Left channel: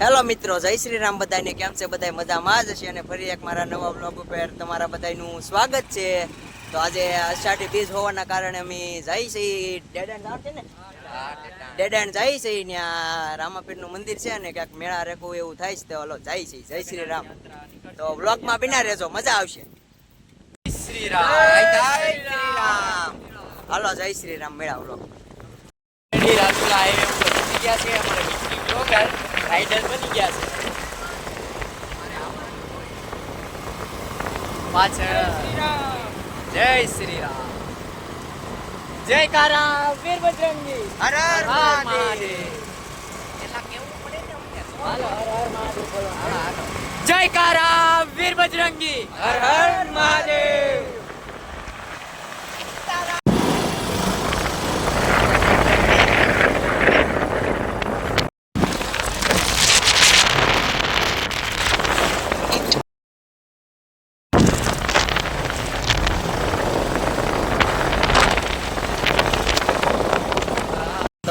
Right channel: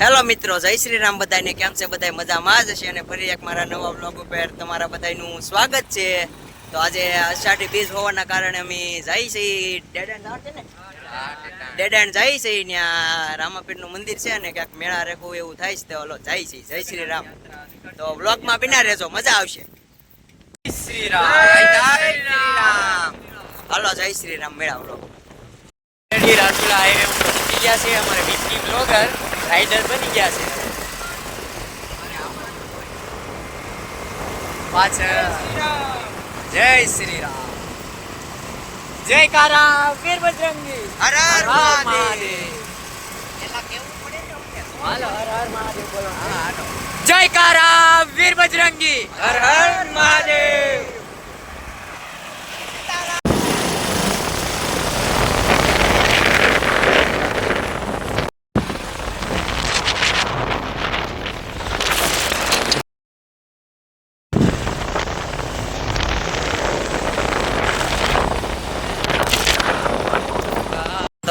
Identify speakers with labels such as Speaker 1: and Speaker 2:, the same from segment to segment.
Speaker 1: Hello મિત્રો જય શ્રી રામ બધાને. કેમ છે? બધા મજામાં જ હશે અને ફરી એક મારા નવા બ્લોગ ઉપર તમારા બધાનું સ્વાગત છે. તો આજે અષાઢી બીજ હોવાના કારણે અમે જઈ છીએ ડેડેન્ડ ને? ડેડેન્ડ જઈ છીએ ત્યાં રામાપીરનું મંદિર છે અને ક્યાંક મેળા રેખવું એવું થાય છે તો હલો જઈ છીએ જય શ્રી રામ તો બ્લોગમાં બિના રહેજો મજા આવશે. શ્રી રામ હલો જય શ્રી રામ મેળા બ્લોગ રાજુલા હાઈવે ગયા છે અમારે બ્લોગર રાઇડર બની ગયા છે. પાછળ. જય શ્રી રામ જય કારામ વીર બજરંગી. હર હર મહાદેવ. જય કારા વીર બજરંગી. હર હર મહાદેવ.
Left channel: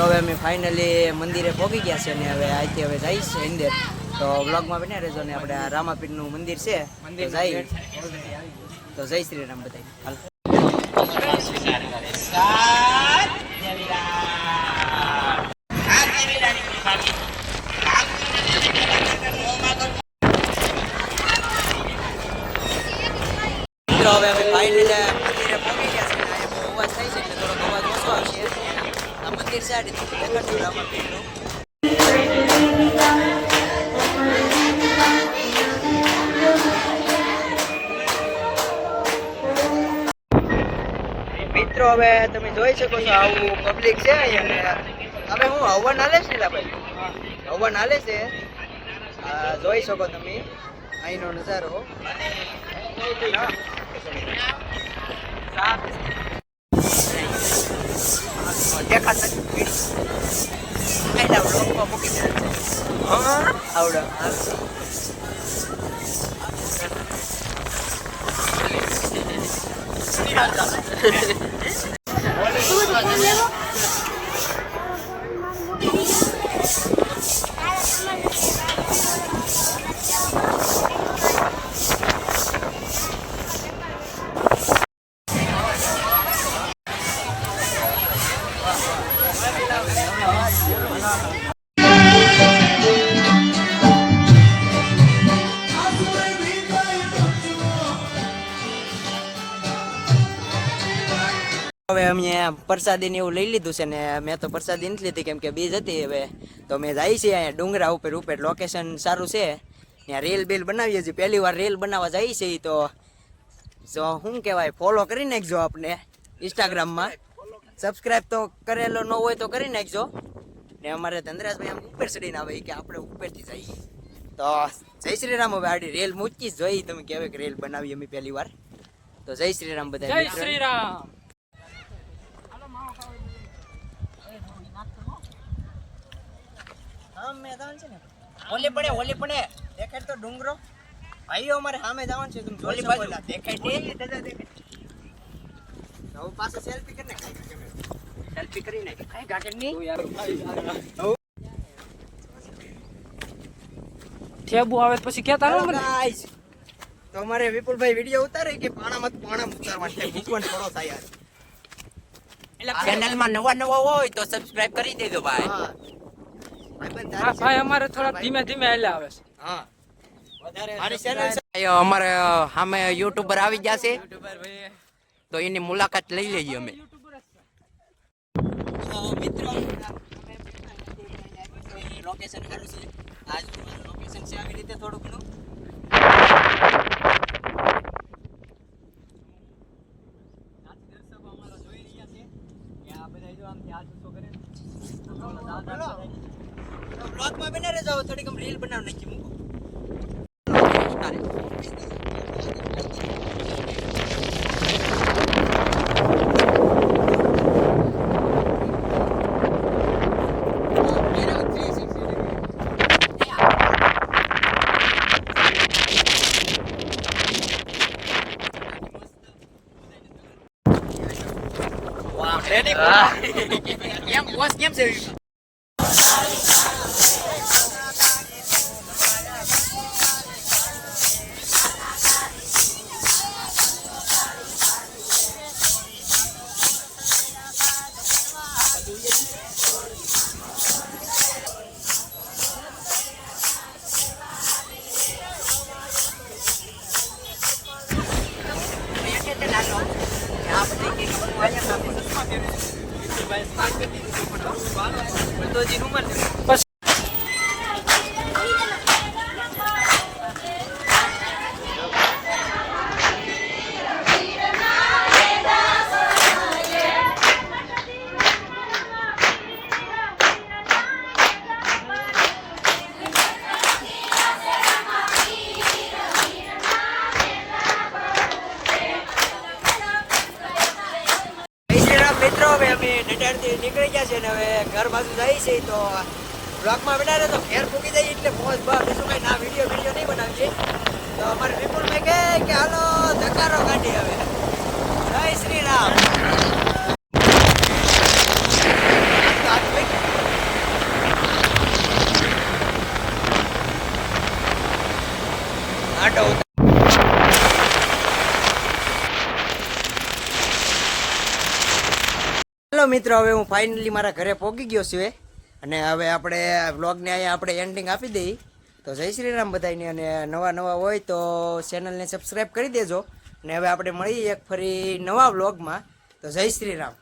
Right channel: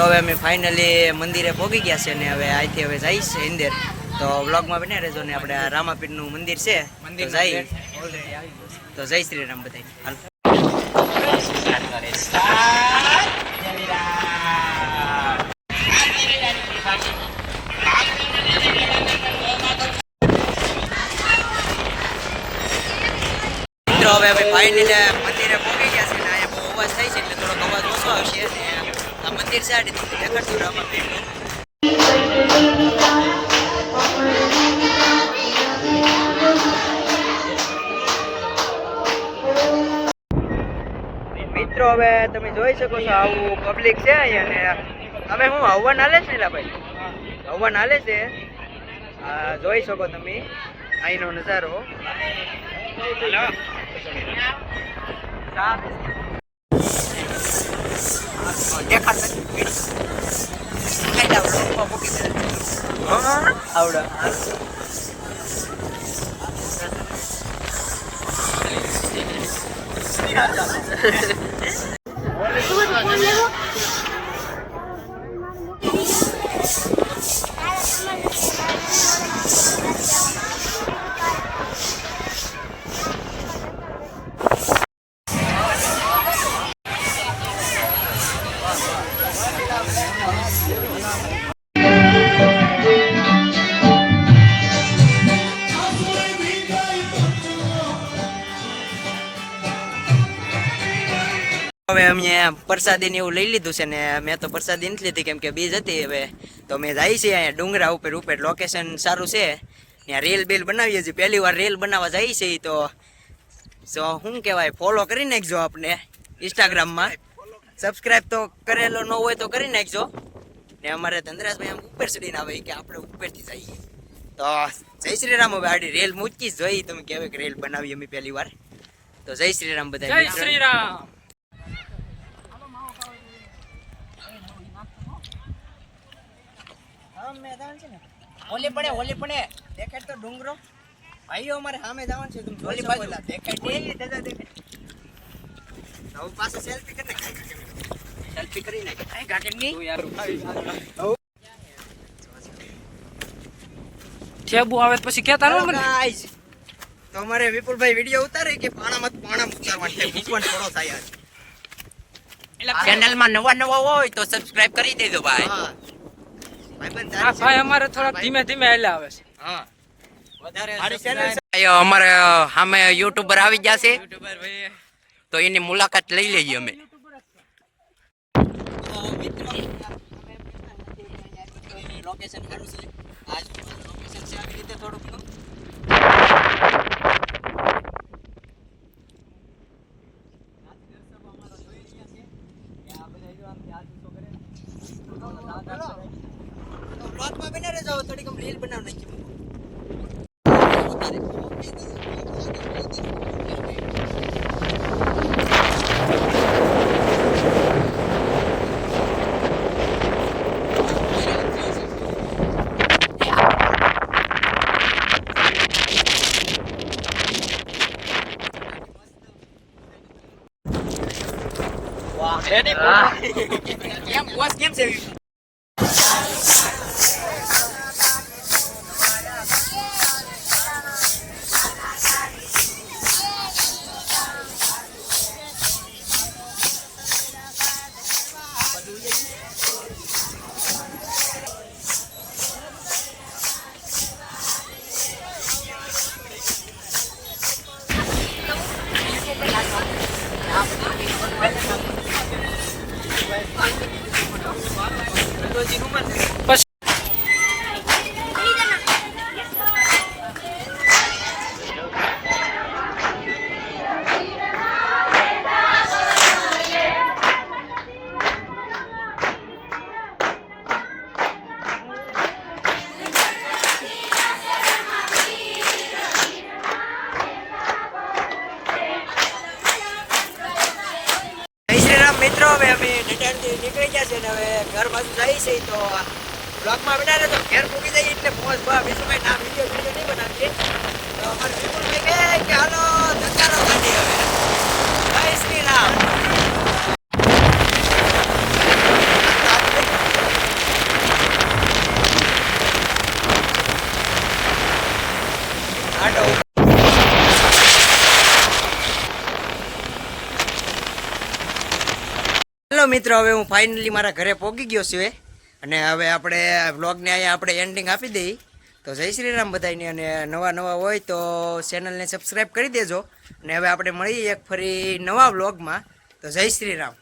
Speaker 1: તો હવે અમે ફાઇનલી મંદિરે પહોંચી ગયા છે ને હવે અહીંથી હવે જઈશ છે અંદર. તો બ્લોગમાં બને રહેજો ને આપણે રામાપીરનું મંદિર છે તો જઈ તો જય શ્રી રામ બધા હાલ. મિત્રો હવે અમે ફાઇનલી મંદિરે પહોંચી ગયા છે ને અહીંયા બહુ અવાજ થાય છે એટલે થોડોક અવાજ ઓછો આવશે અને આ મંદિર છે, આ રીતે દેખાડતું રામાપીરનું મિત્રો, હવે તમે જોઈ શકો છો આવું પબ્લિક છે અહીંયા. ને હવે હું હવન હાલે છે ને ભાઈ હવન હાલે છે. જોઈ શકો તમે અહીંનો નજારો. દેખાતા જ પીડી. ખાઈ લાવ, લોકમાં મૂકી દે. આવડે. હવે અમે પ્રસાદીને એવું લઈ લીધું છે ને મેં તો પ્રસાદી નથી લીધી, કેમ કે બીજ હતી હવે. તો મેં જાય છે અહીંયા ડુંગરા ઉપર ઉપર લોકેશન સારું છે. ત્યાં રેલ બેલ બનાવીએ છીએ. પહેલી વાર રેલ બનાવવા જાય છે તો. સો શું કહેવાય ફોલો કરી નાખજો આપને ઇન્સ્ટાગ્રામમાં સબસ્ક્રાઈબ તો કરેલો ન હોય તો કરી નાખજો. ને અમારે ધનરાજભાઈ આમ ઉપર ચડીને આવે કે આપણે ઉપરથી જઈએ. તો જય શ્રી રામ હવે આડી રેલ મૂકી જોઈ. તમે કહેવાય કે રેલ બનાવી અમે પહેલી વાર. તો જય શ્રી રામ બધા
Speaker 2: જય શ્રી રામ
Speaker 1: મેદાન છે ને? ઓલે પડે ઓલે પડે. દેખાય તો ડુંગરો. ભાઈઓ અમારે સામે જવાનું છે. તમે જોઈ શકો દેખાય નહીં હવે પાછા સેલ્ફી કરી નાખ. સેલ્ફી કરી નાખ. કઈ ગાર્ડનની
Speaker 2: ઠેબુ આવે પછી કે તારે મને.
Speaker 1: ગાઈસ તો અમારે વિપુલભાઈ વિડિયો ઉતારે કે પાણામાં પાણા ઉતારવાનું છે. મૂકવાનું થોડો થાય આજ.
Speaker 3: ચેનલમાં નવા નવા હોય તો સબસ્ક્રાઇબ કરી દેજો ભાઈ.
Speaker 1: હા.
Speaker 2: ભાઈ અમારે થોડા ધીમે ધીમે એટલે આવે છે.
Speaker 1: હા. વધારે?
Speaker 3: અમારે સામે યુટ્યુબર આવી ગયા છે. તો એની મુલાકાત લઈ લઈએ અમે.
Speaker 1: મિત્રો લોકેશન સારું છે આજ લોકેશન છે આવી રીતે થોડું ઘણું બ્લોગમાં બને રહેજો થોડીક રીલ બનાવ નાખી મૂકો
Speaker 3: કેમ બોસ કેમ છે
Speaker 2: પછી
Speaker 1: હવે અમે ડટાણથી નીકળી ગયા છે ને હવે ઘર બાજુ જઈએ છીએ તો બ્લોગમાં બનાવે તો ઘેર પૂકી જઈએ એટલે મોજ બા, બીજું કઈ ના વીડિયો વીડિયો નહીં બનાવીએ. તો અમારે વિપુલભાઈ કહે કે, હાલો ધકારો કાઢીએ હવે. જય શ્રી રામ. આટો હેલો મિત્રો, હવે હું ફાઇનલી મારા ઘરે પહોંચી ગયો છું. અને હવે આપણે વ્લોગને અહીંયા આપણે એન્ડિંગ આપી દઈએ તો જય શ્રી રામ બધાને અને નવા નવા હોય તો ચેનલને સબસ્ક્રાઈબ કરી દેજો. અને હવે આપણે મળીએ એક ફરી નવા વ્લોગમાં તો જય શ્રી રામ